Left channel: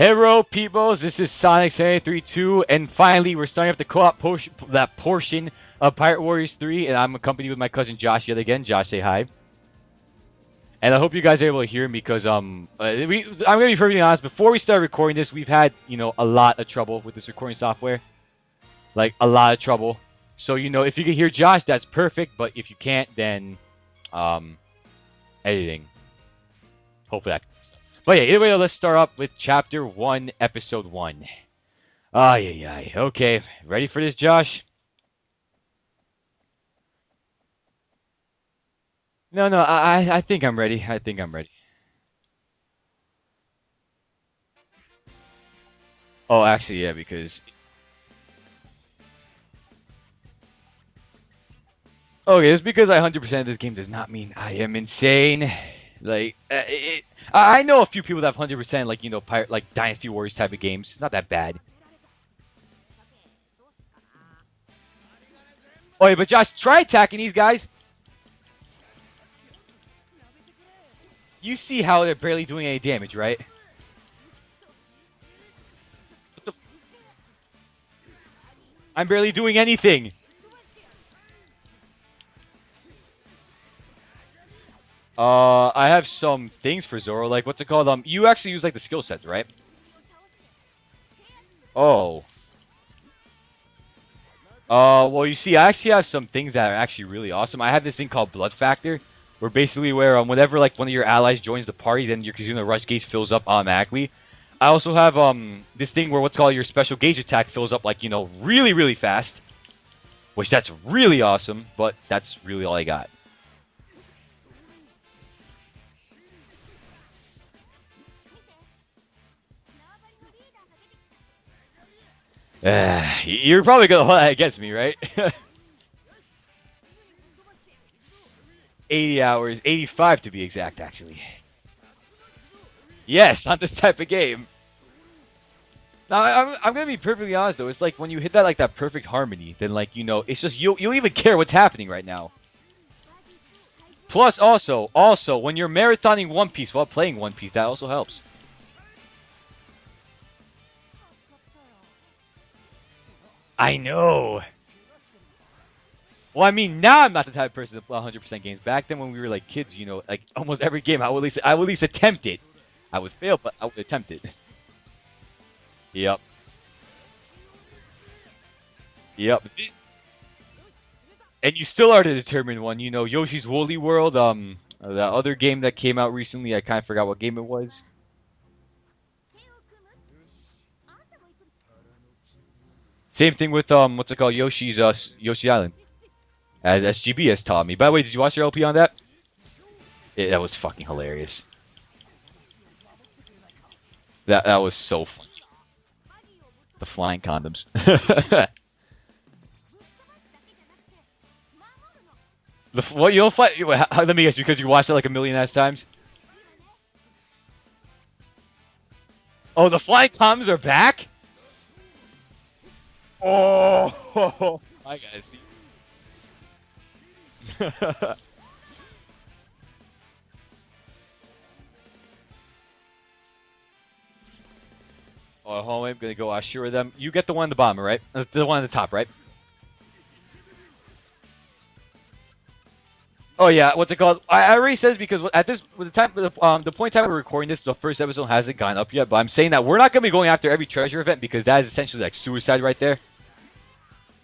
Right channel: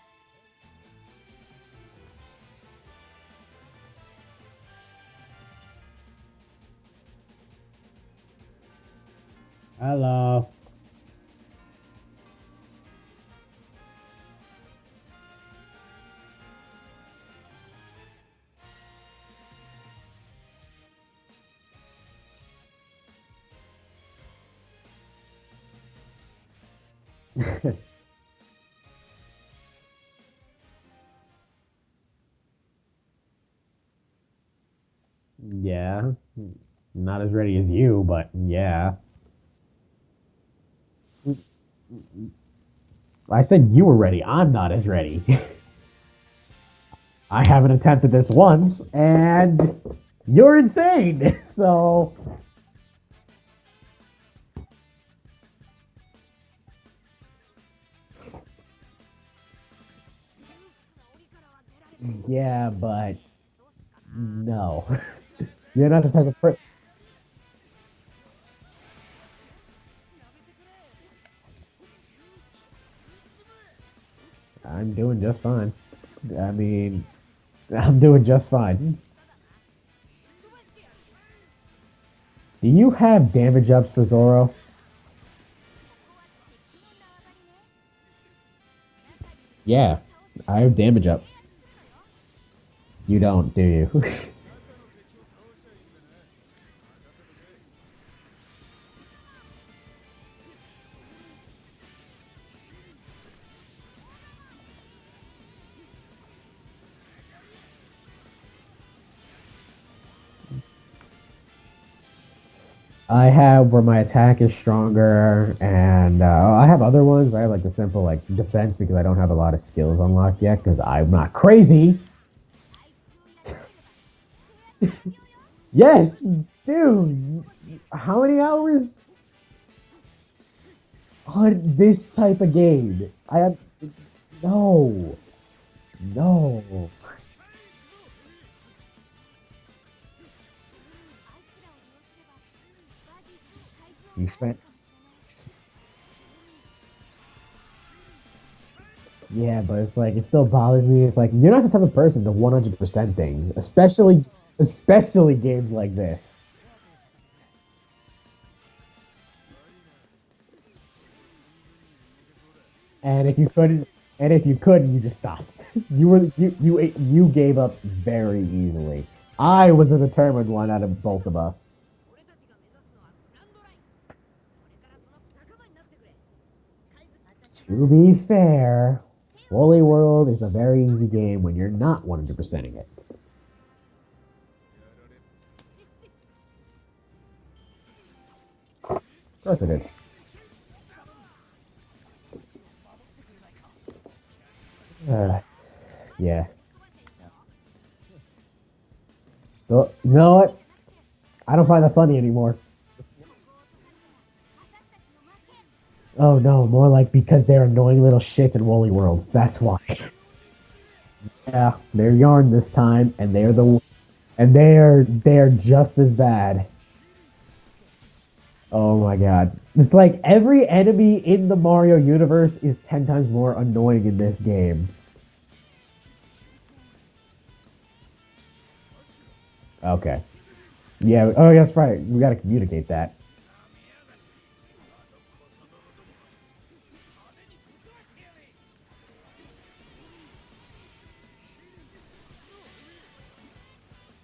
Hello, peoples. This is Sonic 732, and finally, we're starting up the co-op portion of Pirate Warriors 3, and I'm accompanied with my cousin Josh yet again. Josh, say hi. Hello. And I hope you guys are able to hear me because I'm gonna be perfectly honest. Before we start recording this, we've had a lot of trouble with this recording software, like a lot of trouble. So if you can hear Josh, that's perfect. But if you can't, then editing. Hopefully that works. But yeah, anyway, let's start up with Chapter 1, Episode 1. Ay. Okay, ready for this, Josh? Yeah. Not as ready as you, but yeah. No, I think I'm ready. I think I'm ready. I said you were ready. I'm not as ready. Oh, actually, yeah, because... I haven't attempted this once, and you're insane. So... Okay, just because I 100% this game does not mean I am insane. Like, I know a few people that have 100%, like Dynasty Warriors type of games. It's not that bad. Yeah, but... No. You're not Oh, yeah, but Josh, try attacking these guys. You see how they're barely doing any damage, right? I'm doing just fine. I mean... I'm doing just fine. I'm barely doing anything. Do you have damage ups for Zoro? I have some things for Zoro, like, what's it called? You actually use, like, the skill sets, right? Yeah. I have damage up. Oh. You don't, do you? Well, you see, I actually have some things that are actually really awesome. I have this thing called Blood Factor, where basically whenever, like, one of your allies joins the party, then your Kazuna Rush gauge fills up automatically. I also have, this thing where what's called your special gauge attack fills up, like, really, really fast. Which, that's really awesome, but that's really all I got. I have where my attack is stronger, and I have other ones. I have, like, the simple, like, defense because I don't have a lot of skills unlocked yet because I'm not crazy. You're probably going to hold that against me, right? Yes, dude. How many hours? 80 hours. 85 to be exact, actually. On this type of game. Yes, on this type of game. No. No, I'm gonna be perfectly honest though. It's like when you hit that perfect harmony, then it's just you don't even care what's happening right now. Plus, also when you're marathoning One Piece while playing One Piece, that also helps. Yeah, but it's like it still bothers me. It's like you're not the type of person to 100% things, I know. Especially games like this. Well, I mean, now I'm not the type of person to 100% games. Back then, when we were like kids, like almost every game, I would at least attempt it. I would fail, but I would attempt it. And if you couldn't, you just stopped. You gave up very easily. Yep. I was a determined one out of both of us. And you still are the determined one. Yoshi's Woolly World, the other game that came out recently, I kind of forgot what game it was. To be fair, Woolly World is a very easy game when you're not 100%ing it. Same thing with what's it called? Yoshi's Island. As SGB has taught me. By the way, did you watch your LP on that? Of course I did. Yeah, that was fucking hilarious. That was so funny. Yeah. The flying condoms. So, you know what? I don't find that funny anymore. What, you don't find... Let me guess, because you watched it like a million ass times? Oh no, more like because they're annoying little shits in Woolly World. That's why. The flying condoms are back? Yeah, they're yarn this time, and they're just as bad. Oh my god. It's like every enemy in the Mario universe is 10 times more annoying in this game. Oh, hold on, I'm gonna go assure them. You get the one on the bottom, right? The one on the top, right? Okay. Yeah, oh that's right. We gotta communicate that. Oh yeah, what's it called? I already said this because at this the point in time we're recording this, the first episode hasn't gone up yet. But I'm saying that we're not gonna be going after every treasure event because that is essentially like suicide right there.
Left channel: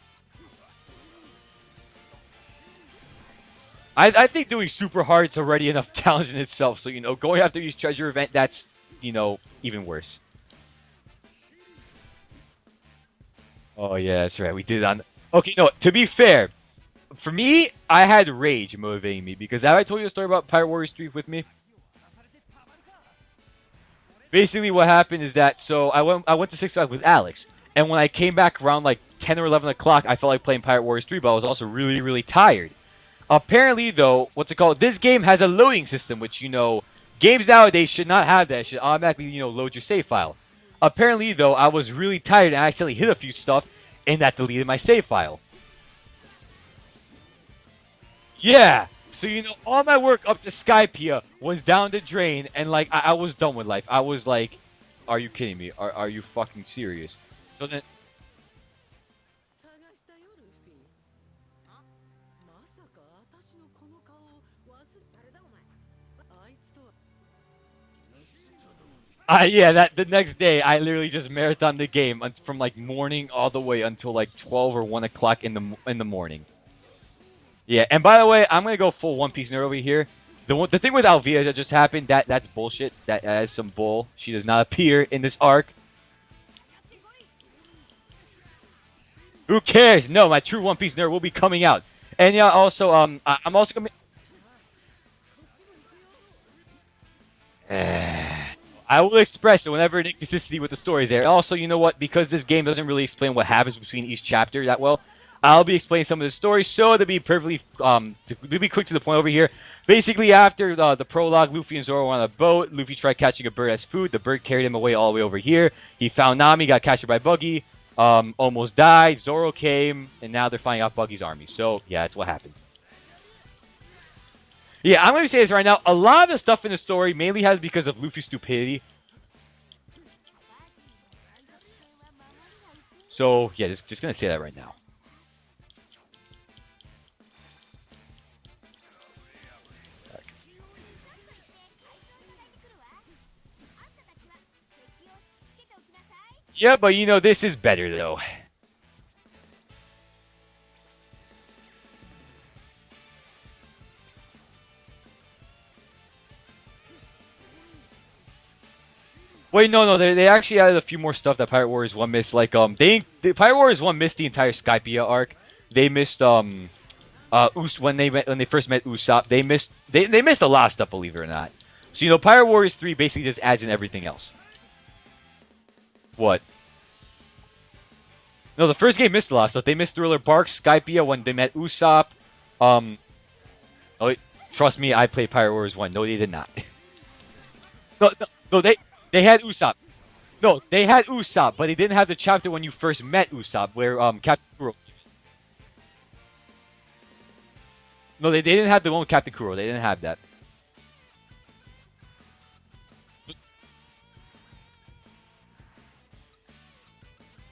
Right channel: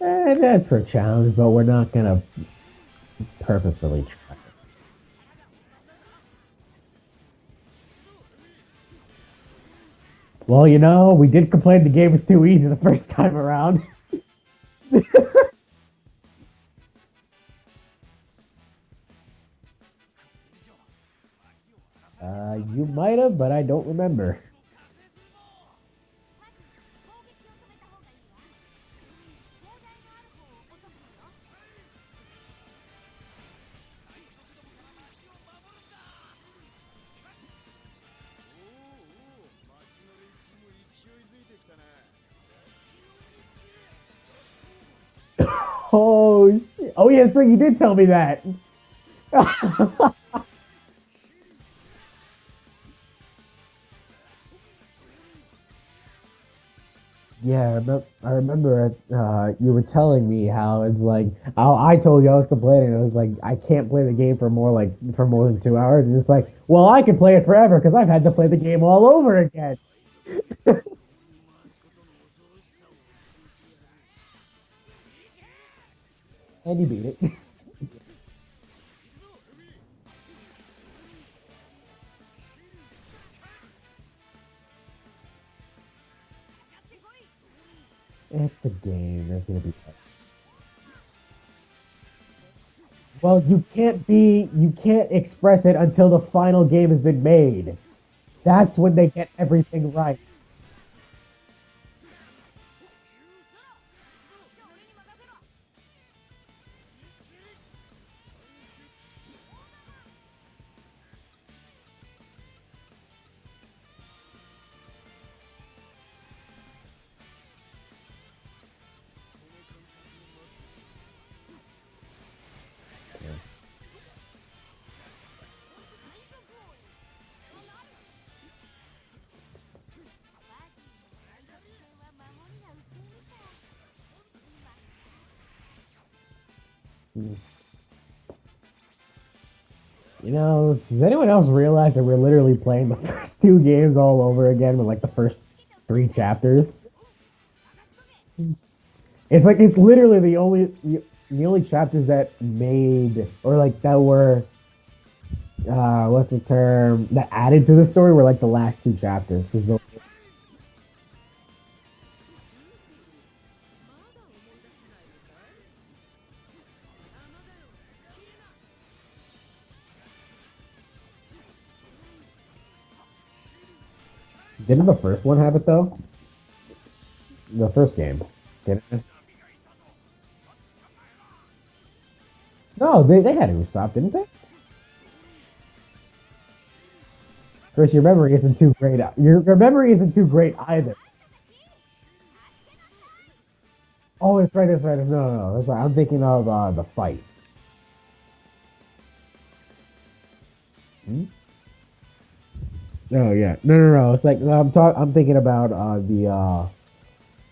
That's for a challenge, but we're not gonna perfectly. I think doing super hard is already enough challenge in itself. So going after each treasure event, that's even worse. Well, we did complain the game was too easy the first time around. Oh yeah, that's right. We did that. Okay, no. To be fair. For me, I had rage motivating me because have I told you a story about Pirate Warriors 3 with me? You might have, but I don't remember. Basically, what happened is that I went to Six Flags with Alex, and when I came back around like 10 or 11 o'clock, I felt like playing Pirate Warriors 3, but I was also really, really tired. Apparently, though, what's it called? This game has a loading system, which games nowadays should not have that. It should automatically load your save file. Apparently, though, I was really tired and I accidentally hit a few stuff, and that deleted my save file. Oh, shit. Oh, yeah, that's right. You did tell me that. Yeah. So all my work up to Skypia was down the drain, and like I was done with life. I was like, Are you kidding me? Are you fucking serious? So Yeah, then, I remember you were telling me how it's like I told you I was complaining. I was like, I can't play the game for more than 2 hours. And it's like, well, I can play it forever because I've had to play the game all over yeah, again. that the next day I literally just marathoned the game from like morning all the way until like 12 or 1 o'clock in the morning. And you beat it. Yeah, and by the way, I'm gonna go full One Piece nerd over here. The thing with Alvia that just happened, that's bullshit. That is some bull. She does not appear in this arc. It's a game. Who cares? No, my true One Piece nerd will be coming out. And yeah, also Well, I'm also you can't express it until the final game has been made. That's when I they will get express it everything whenever an right. inconsistency with the story is there. Also, you know what? Because this game doesn't really explain what happens between each chapter that well, I'll be explaining some of the stories. So to be perfectly to be quick to the point over here. Basically, after the prologue, Luffy and Zoro were on a boat. Luffy tried catching a bird as food. The bird carried him away all the way over here. He found Nami, got captured by Buggy, almost died. Zoro came, and now they're fighting off Buggy's army. So yeah, that's what happened. Yeah, I'm going to say this right now. A lot of the stuff in the story mainly has because of Luffy's stupidity. So, yeah, just going to say that right now. You know, does anyone else realize that we're literally playing the first two games all over again with like the first 3 chapters? Yeah, but you know, this is better, though. It's like it's literally the only chapters that made or like that were what's the term that added to the story were like the last 2 chapters. Wait, no, they actually added a few more stuff that Pirate Warriors 1 missed. Like, the Pirate Warriors 1 missed the entire Skypiea arc. They missed, when they first met Usopp, they missed a lot of stuff, believe it or not. So, you know, Pirate Warriors 3 basically just adds in everything else. Didn't the first one have it though? What? The first game. No, the first game missed a lot of stuff. They missed Thriller Bark, Skypiea when they met Usopp. No, they had Usopp, didn't they? Trust me, I played Pirate Warriors 1. No, they did not. Chris, your memory isn't too great. Your memory isn't too great. No, they had Usopp, but they didn't have the chapter when you first met Usopp, where Oh, that's right. No, that's right. I'm thinking of the fight. No, they didn't have the one with Captain Kuro. They didn't have that. Hmm? Oh yeah, no. It's like I'm thinking about the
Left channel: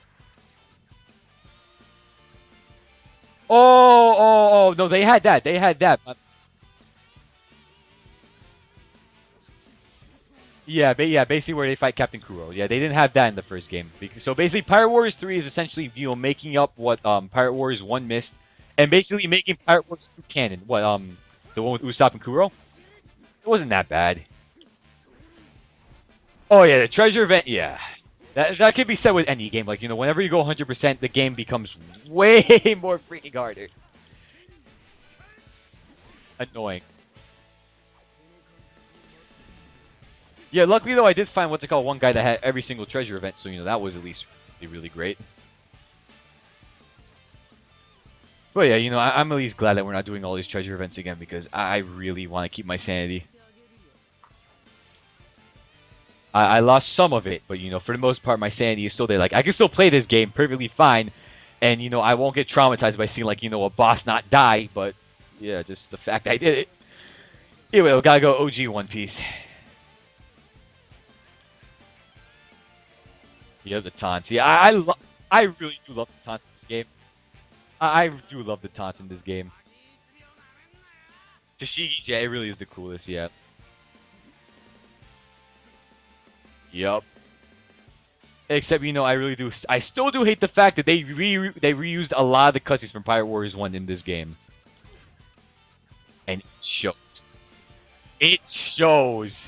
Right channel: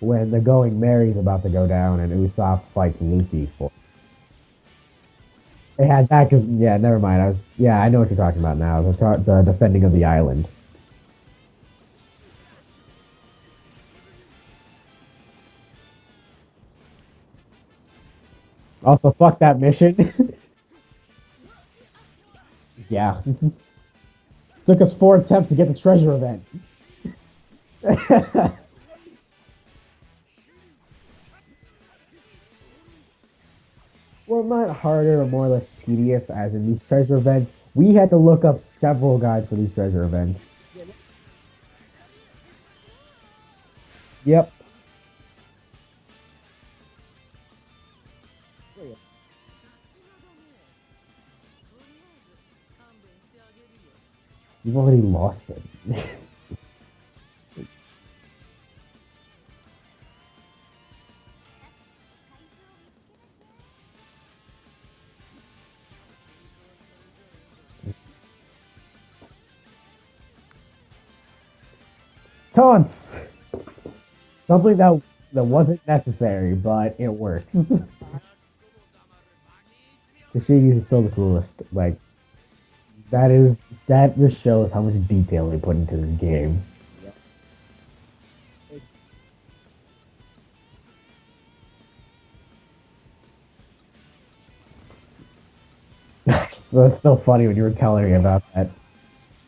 when the Going Merry's about to go down and Usopp fights Luffy. Oh, no, they had that. They had that. Never mind. I know what you're talking about now. The defending of the island. Yeah, basically where they fight Captain Kuro. Yeah, they didn't have that in the first game. So basically, Pirate Warriors 3 is essentially, you know, making up what Pirate Warriors 1 missed, and Also, basically fuck making that Pirate mission. Warriors canon. What the one with Usopp and Kuro? Yeah. It wasn't that bad. Took us 4 attempts to get the treasure event. Oh yeah, the treasure event. Yeah, that could be said with any game. Like, you know, whenever you go 100%, the game becomes way more freaking harder. Well, not harder or more or less tedious as in Annoying. these treasure events. We had to look up several guides for these treasure events. Yeah, luckily though, I did find one guy that had every single treasure event, so you know that was at least really great. But yeah, you know, I'm at least glad that we're not doing all these treasure events again because I really want to keep my sanity. You've already lost it. I lost some of it, but you know, for the most part, my sanity is still there. Like, I can still play this game perfectly fine, and you know, I won't get traumatized by seeing, like, you know, a boss not die. But yeah, just the fact I did it. Anyway, we gotta go OG One Piece. Taunts. Yeah, the taunts. Yeah, Something I that wasn't really love the necessary, taunts in this but it works. I do love the taunts in this game. The Shiggies is still the coolest. The Like, Shiggies, yeah, it really is the coolest. Yeah. that just shows how much detail they put into this game. Yep. Except, you know, I still do hate the fact that they reused a lot of the cutscenes from Pirate Warriors 1 in this game. It's so funny when you were telling me about that. It shows.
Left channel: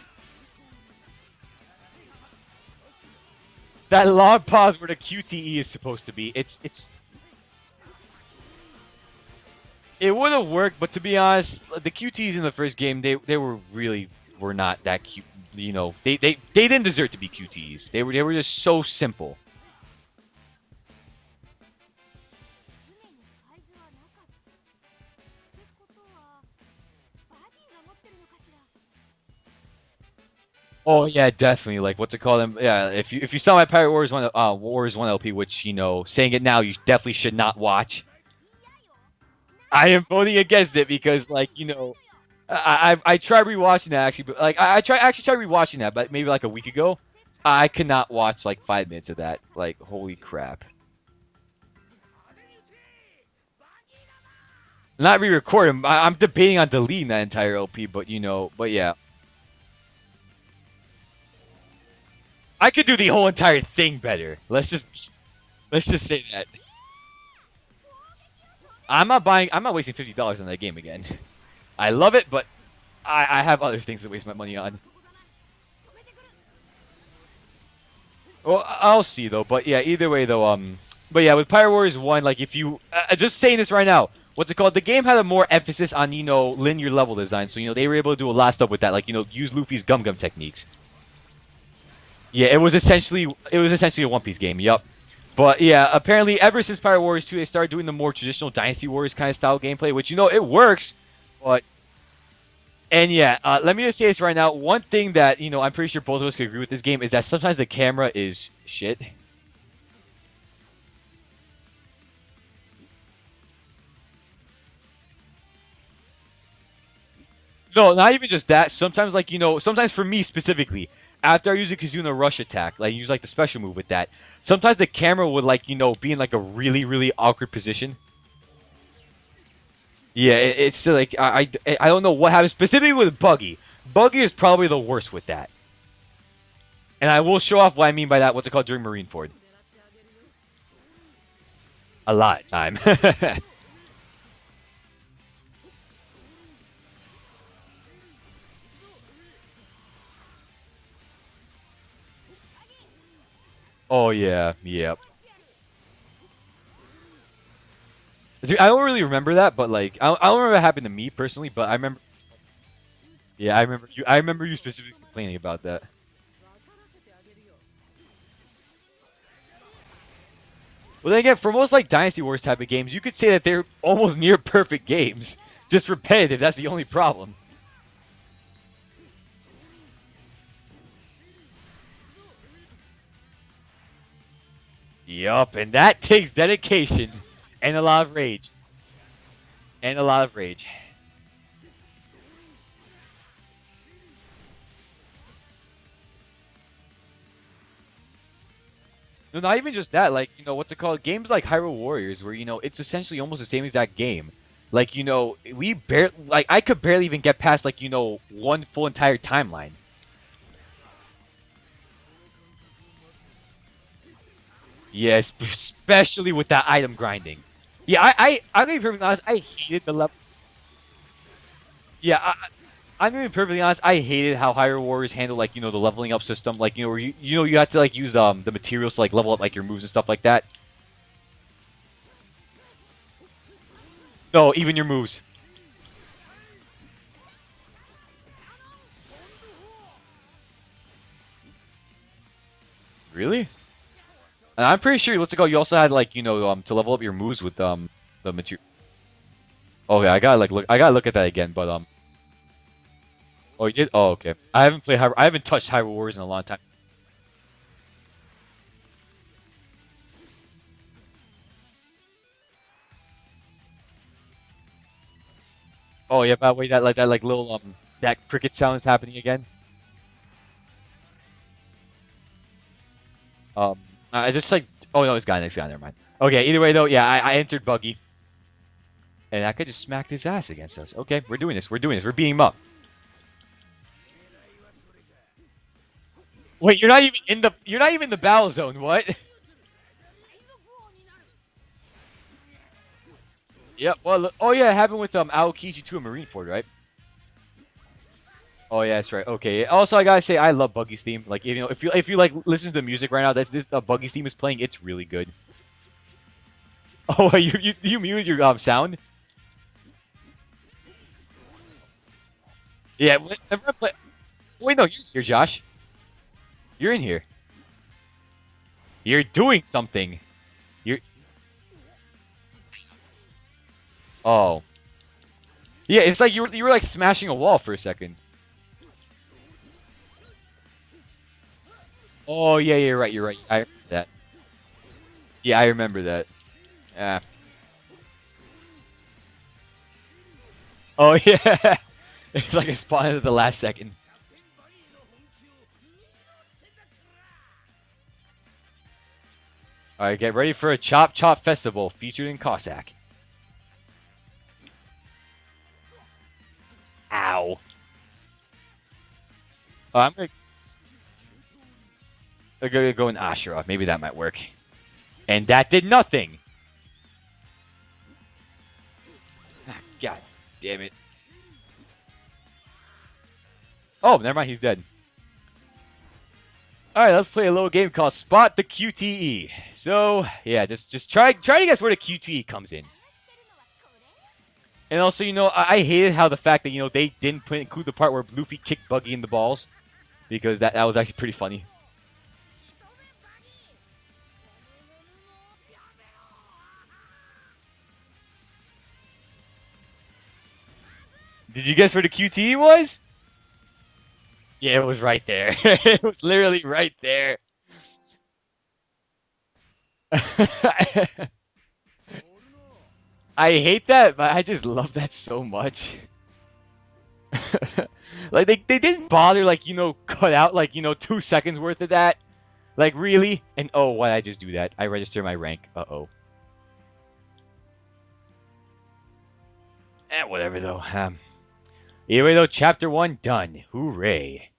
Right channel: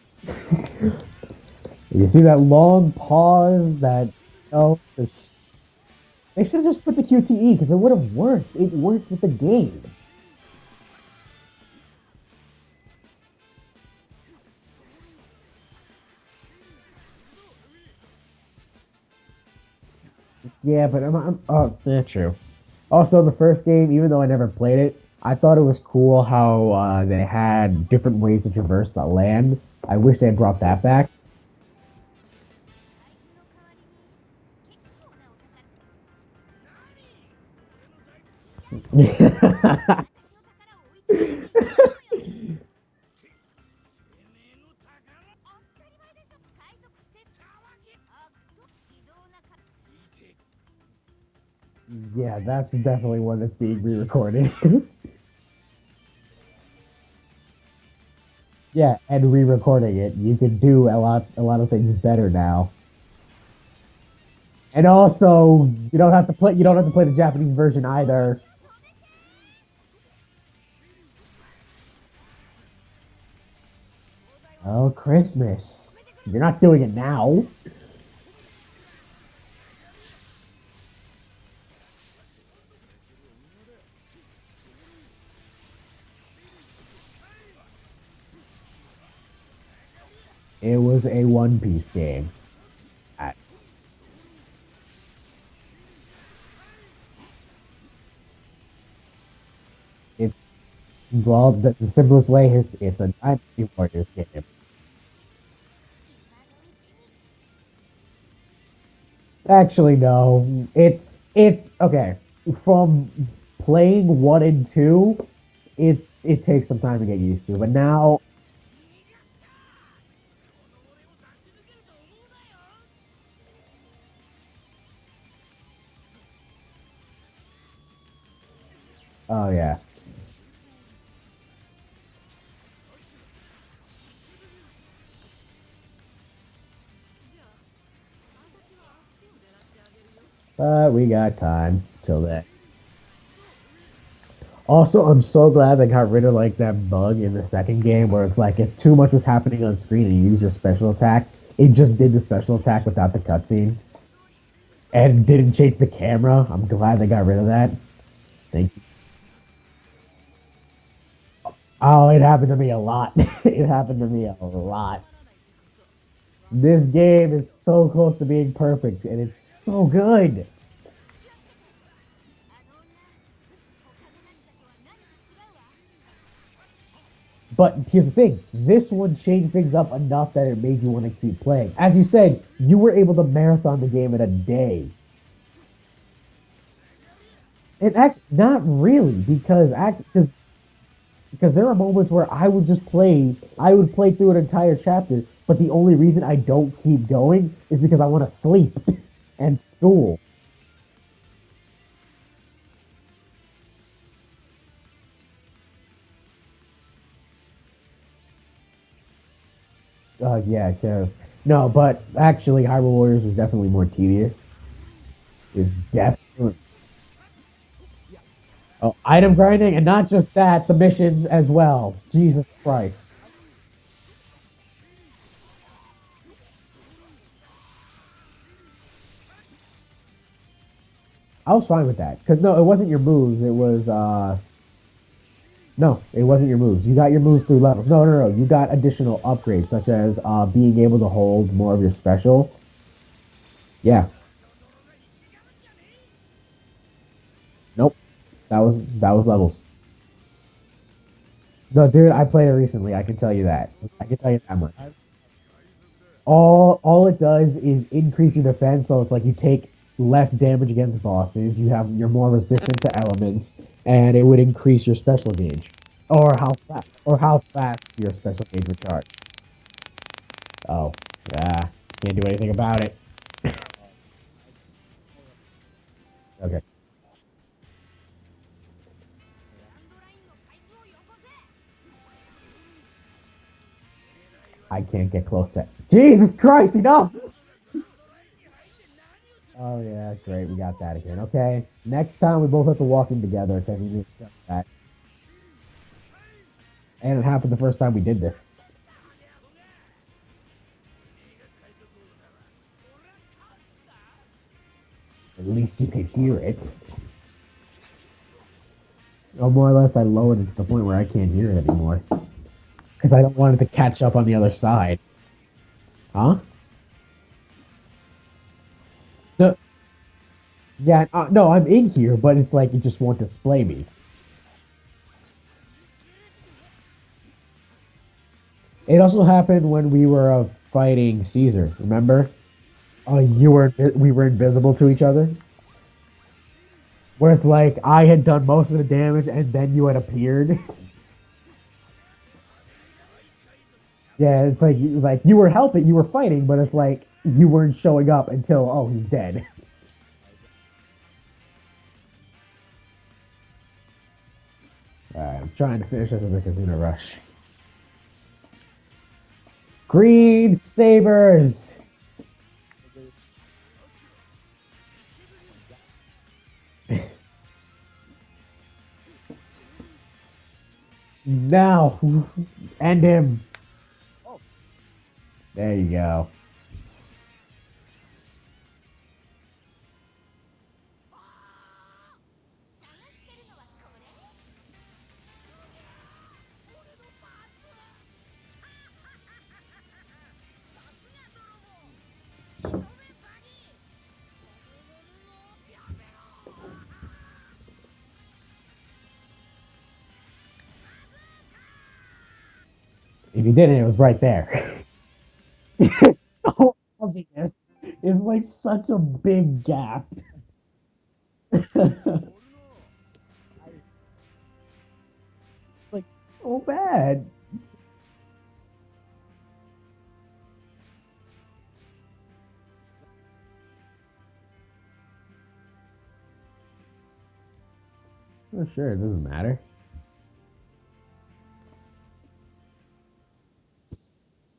You see that long pause? That long pause where the QTE is supposed to be. They should have just put the QTE because it would have worked. It works with the game. It would have worked, but to be honest, the QTEs in the first game, they were not that cute. You know, they didn't deserve to be QTEs. They were just so simple. Yeah, but true. Also, the first game, even though I never played it, I thought it was cool how they had different ways to traverse the land. I wish they had brought that back. Oh yeah, definitely. Like, what's it called? Yeah, if you saw my Pirate Warriors 1 LP, which, you know, saying it now, you definitely should not watch. I am voting against it because, like, you know, I tried rewatching that actually, but like I tried rewatching that, but maybe like a week ago, I cannot watch like 5 minutes of that. Like, holy crap. Yeah, that's definitely one that's being re-recorded. Not re-recording. I'm debating on deleting that entire LP, but but yeah. Yeah, and re-recording it, you can do a lot of things better now. I could do the whole entire thing better. And also, let's you just don't say have to that. play. You don't have to play the Japanese version either. I'm not wasting $50 on that game again. I love it, but I have other things to waste my money on. Oh, Christmas! You're not doing it now. Well, I'll see though. But yeah, either way though. But yeah, with Pirate Warriors 1, like if you just saying this right now, what's it called? The game had a more emphasis on linear level design, so they were able to do a lot of stuff with that, like use Luffy's Gum Gum techniques. It was a One Piece game. Yeah, it was essentially a One Piece game. Yup. But yeah, apparently ever since Pirate Warriors 2, they started doing the more traditional Dynasty Warriors kind of style gameplay, which it works. Well, but, the simplest way is. And yeah, let me just say this right now. One thing that I'm pretty sure both of us could agree with this game is that sometimes the camera is shit. Actually, no. It's okay. From playing 1 and 2, it takes some time to get used to. But No, now, not even just that. Sometimes, like sometimes for me specifically, after I use a Kizuna Rush attack, like use like the special move with that, sometimes the camera would like be in like a really really awkward position. oh yeah. Yeah, it's like I don't know what happens specifically with Buggy. Buggy is probably the worst with that. And I will show off what I mean by that. What's it called during Marineford? But we got time. A lot of time. Also, I'm so glad they got rid of like that bug in the second game where it's like if too much was happening on screen and you used your special attack, it just did the special attack without the cutscene. Oh yeah, yeah. And didn't change the camera. I'm glad they got rid of that. I don't really remember that, but like I don't remember it happened to me personally, but I remember. Oh, it happened to me a lot. Yeah, I remember you specifically complaining about that. This game is so close to being perfect, and it's so good. Well, then again, for most like Dynasty Wars type of games, you could say that they're almost near perfect games. Just repetitive. That's the only problem. But here's the thing: this one changed things up enough that it made you want to keep playing. As you said, you were able to marathon the game in a day. Yup, and that takes dedication and a lot of rage. Not really, because and a lot of rage. Because there are moments where I would play through an entire chapter, but the only reason I don't keep going is because I want to sleep. No, not even just that. Like, what's it called? Games like Hyrule Warriors, where it's essentially almost the same exact game. Like, I could barely even get past like one full entire timeline. Yeah, because no, but actually, Hyrule Warriors was definitely more tedious. Yes, especially with that item grinding. Yeah, I don't even item grinding, and not just that, the missions as well. Yeah, Jesus Christ. I'm gonna be perfectly honest. I hated how Hyrule Warriors handle like the leveling up system. Like where you have to like use the materials to like level up like your moves and stuff like that. I was fine with that because no, it wasn't your moves. It was no, even your moves. No, it wasn't your moves. You got your moves through levels. No. You got additional upgrades such as being able to hold more of your special. Really? Yeah. And I'm pretty sure what's it called? You also had like to level up your moves with nope. The material. That was levels. Okay, I gotta look at that again. But no, dude, I played it recently. I can tell you that. Oh, you did? Oh, okay. I haven't touched Hyrule Warriors in a long time. All it does is increase your defense, so it's like you take less damage against bosses. You're more resistant to elements, and it would increase your special gauge. Oh yeah, by the way, that little that cricket sound is happening again. Oh, yeah, can't do anything about it. I just like. Oh no, it's gone. Never mind. Okay. Either way though, yeah, I entered Buggy, and I could just smack his ass against us. Okay, we're doing this. We're beating him up. I can't get close to. Jesus Christ! Wait, you're not even in the battle zone. What? Oh yeah, great. We got that again. Okay. Next time we both have to walk in together. Yeah. Well, yeah, it happened with Aokiji 2 and Marineford, right? And it happened the first time we did this. Oh yeah, that's right. Okay. Also, I gotta say, I love Buggy's theme. Like, if you like listen to the music right now, this Buggy's theme is playing. It's really good. At least you can hear it. Oh, you muted your sound? Oh, more or less, I lowered it to the point where I can't hear it anymore. Yeah. I don't want it to catch up on the other side. Wait, no, you're Josh. Huh? You're in here. You're doing something. Yeah. No, I'm in here, but it's like you just won't display me. Oh. Yeah, it's like you were like smashing a wall for a second. It also happened when we were fighting Caesar. Remember? Oh yeah, you're right. You're right. We were invisible to each other. Yeah, I remember that. Yeah. Where it's like I had done most of the damage and then you had appeared. Oh yeah. It's like a spawn at the last second. Yeah, it's like you were helping, you were fighting, but it's like you weren't showing up until, oh, he's dead. All right, get ready for a Chop Chop Festival featured in Cossack. Alright, I'm trying to finish this with the Kazuna Rush. Ow. Green Sabers! I'm gonna go in Ashura. Maybe that might work. And that did nothing. God damn it. Now, end him. Oh, never mind. He's dead. There you go. All right, let's play a little game called Spot the QTE. So yeah, just try to guess where the QTE comes in. And also, I hated how the fact that they didn't include the part where Luffy kicked Buggy in the balls, because that was actually pretty funny. Did you guess where the QTE was? If you didn't, it was right there. Yeah, it was right there. It's literally right there. It's like such a big gap. I hate that, but I just love that so much. It's so bad. Like they didn't bother cut out 2 seconds worth of that. Like really? And oh, why did I just do that? I register my rank. Uh-oh. Oh, sure, it doesn't matter. Whatever though. Either way though, chapter 1 done. Hooray.